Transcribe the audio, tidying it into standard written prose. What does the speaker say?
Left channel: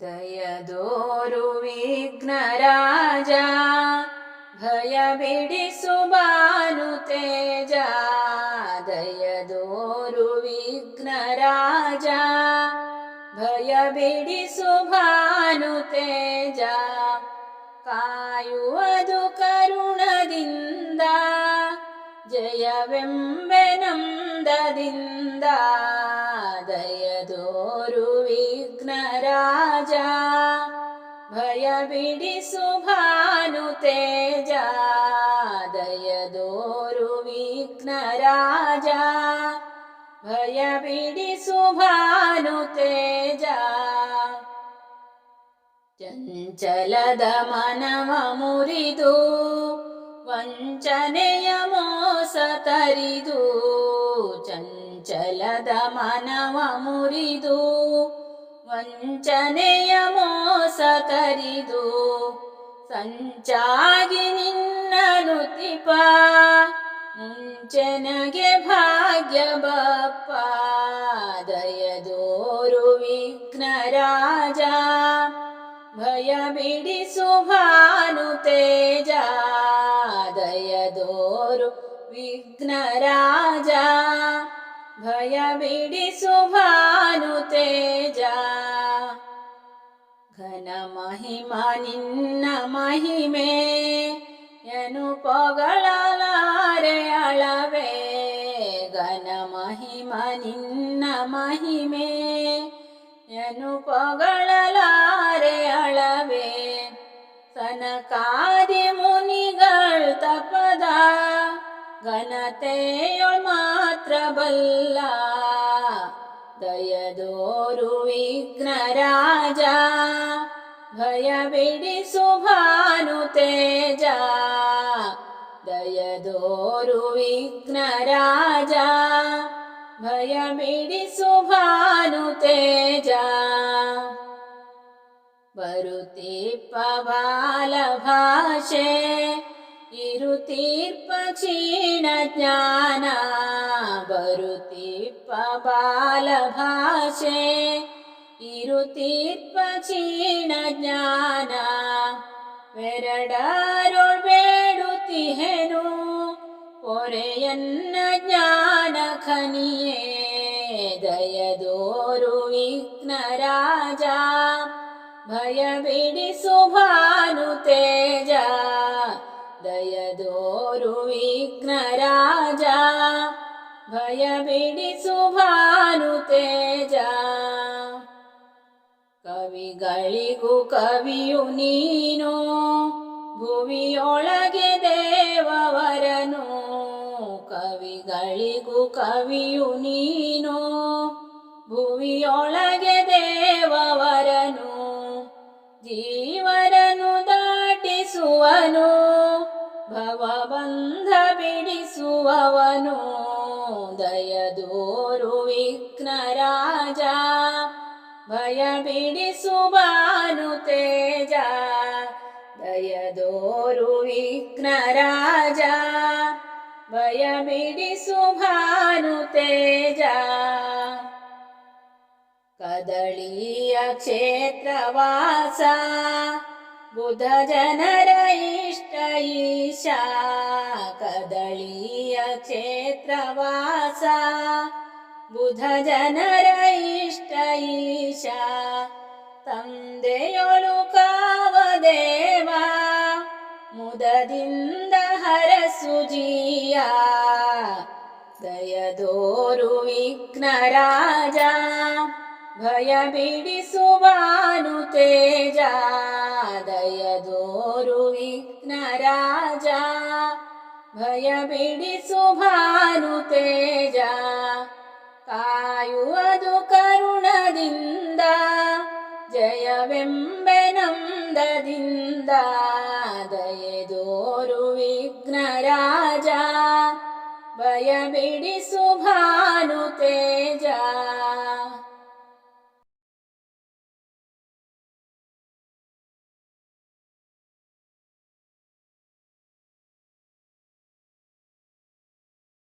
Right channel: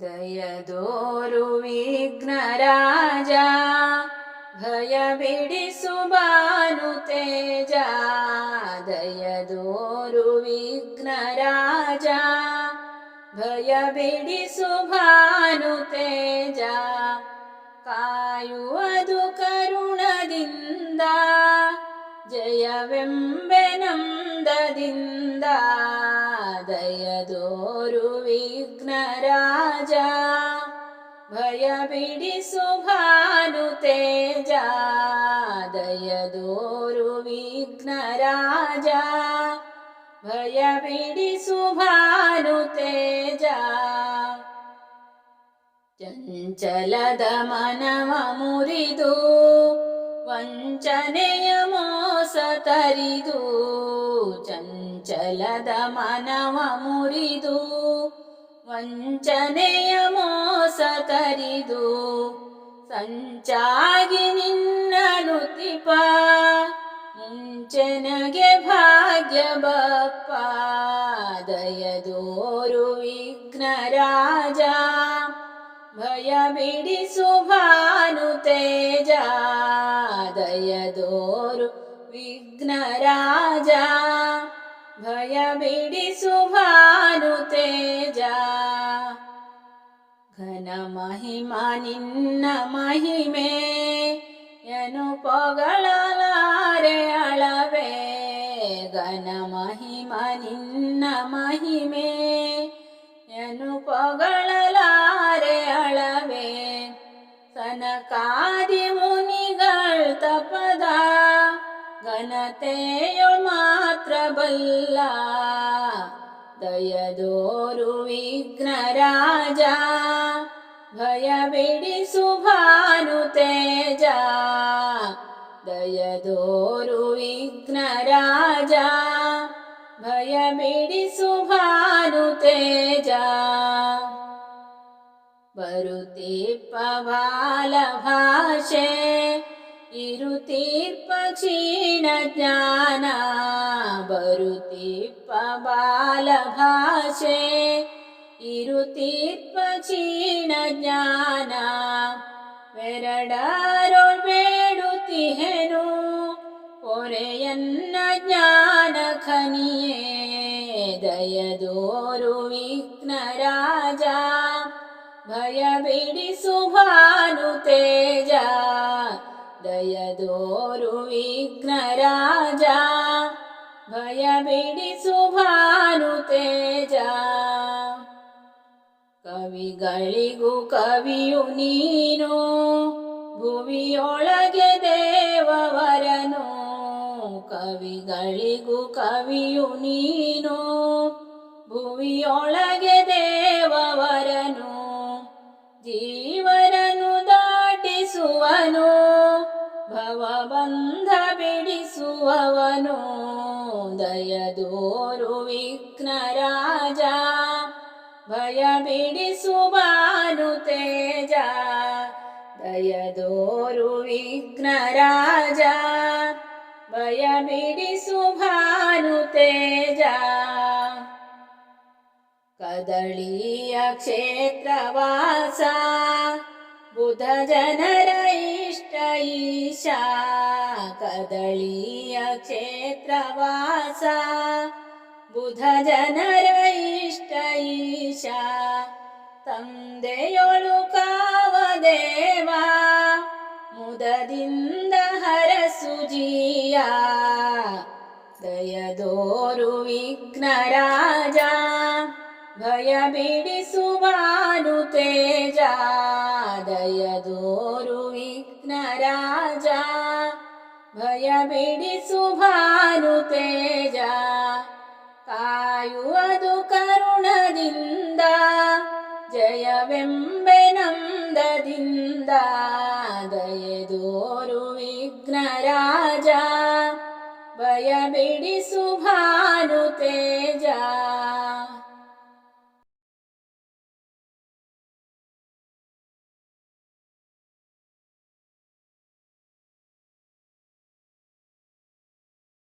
ದಯದೋರು ವಿಘ್ನರಾಜ, ಭಯ ಬಿಡಿಸು ಭಾನು ತೇಜ. ದಯದೋರು ವಿಘ್ನರಾಜ, ಭಯ ಬಿಡಿಸು ಭಾನು ತೇಜ. ಕಾಯುವುದು ಕರುಣದಿಂದ, ಜಯವೆಂಬೆ ನಂದದಿಂದ. ದಯದೋರು ವಿಘ್ನರಾಜ, ಭಯ ಬಿಡಿಸು ಭಾನು ತೇಜ. ದಯದೋರು ವಿಘ್ನರಾಜ, ಭಯ ಬಿಡಿಸು ಭಾನು ತೇಜ. ಚಂಚಲದ ಮನವ ಮುರಿದು, ವಂಚನೆಯ ಮೋಸ ತರಿದು. ಚಂಚಲದ ಮನವ ಮುರಿದು, ವಂಚನೆಯ ಮೋಸ ತರಿದು. ಸಂಚಾಗಿ ನಿನ್ನ ನುತಿಪ, ಮುಂಚೆನಗೆ ಭಾಗ್ಯ ಬಪ್ಪ. ದಯದೋರು ವಿಘ್ನರಾಜ, ಭಯ ಬಿಡಿಸು ಭಾನು ತೇಜ. ದಯದೋರು ವಿಘ್ನರಾಜ, ಭಯ ಬಿಡಿಸು ಭಾನು ತೇಜ. ಘನ ಮಹಿಮ ನಿನ್ನ ಮಹಿಮೆ, ಎನು ಪೊಗಳಲಾರೆ ಅಳವೆ. ಘನ ಮಹಿಮ ನಿನ್ನ ಮಹಿಮೆ, ಎನು ಪೊಗಳಲಾರೆ ಅಳವೆ. ಸನಕಾದಿ ಮುನಿಗಳ್ ತಪದ, ಘನತೆಯೊಳ್ ಮಾತ್ರ ಬಲ್ಲ. ದಯದೋರು ವಿಘ್ನರಾಜ, ಭಯ ಬಿಡಿಸು ಭಾನು ತೇಜ. ದಯದೋರು ವಿಘ್ನರಾಜ, ಭಯ ಬಿಡಿಸು ಭಾನು ತೇಜ. ಬರುತೀರ್ಪ ಬಾಲ ಭಾಷೆ, ಇರುತೀರ್ಪ ಕ್ಷೀಣ ಜ್ಞಾನ. ಬರುತೀರ್ಪ ಬಾಲ ಭಾಷೆ, ಇರುತೀರ್ಪ ಕ್ಷೀಣ ಜ್ಞಾನ. ವೆರಡರೊಳ್ ಬೇಡುತ್ತಿಹೆನು, ಪೊರೆಯನ್ನ ಜ್ಞಾನ ಖನಿಯೇ. ದಯದೋರು ವಿಘ್ನರಾಜ, ಭಯ ಬಿಡಿಸು ಭಾನು ತೇಜ. ದಯದೋರು ವಿಘ್ನರಾಜ, ಭಯ ಬಿಡಿಸು ಭಾನು ತೇಜ. ಕವಿಗಳಿಗೂ ಕವಿಯು ನೀನು, ಭುವಿಯೊಳಗೆ ದೇವವರನು. ಕವಿಗಳಿಗೂ ಕವಿಯು ನೀನು, ಭುವಿಯೊಳಗೆ ದೇವವರನು. ಜೀವರನು ದಾಟಿಸುವನು, ಭವಬಂಧ ಬಿಡಿಸುವವನು. ದಯದೋರು ವಿಘ್ನರಾಜ, ಭಯ ಬಿಡಿಸು ಭಾನು ತೇಜ. ದಯದೋರು ವಿಘ್ನರಾಜ, ಭಯ ಬಿಡಿಸು ಭಾನು ತೇಜ. ಕದಳಿಯ ಕ್ಷೇತ್ರವಾಸ, ಬುಧ ಜನರ ಇಷ್ಟ ಈಶ. ಕದಳಿಯ ಕ್ಷೇತ್ರವಾಸ, ಬುಧ ಜನರ ಇಷ್ಟ ಈಶ. ತಂದೆಯೊಳು ಕಾವದೇವ, ಮುದದಿಂದ ಹರಸು ಜೀಯ. ದಯದೋರು ವಿಘ್ನರಾಜ, ಭಯ ಬಿಡಿಸು ಭಾನು ತೇಜ. ದಯದೋರು ವಿಘ್ನರಾಜ, ಭಯ ಬಿಡಿಸು ಭಾನು ತೇಜ. ಕಾಯುವುದು ಕರುಣದಿಂದ, ಜಯವೆಂಬೆ ನಂದದಿಂದ. ದಯದೋರು ವಿಘ್ನರಾಜ, ಭಯ ಬಿಡಿಸು ಭಾನು ತೇಜ.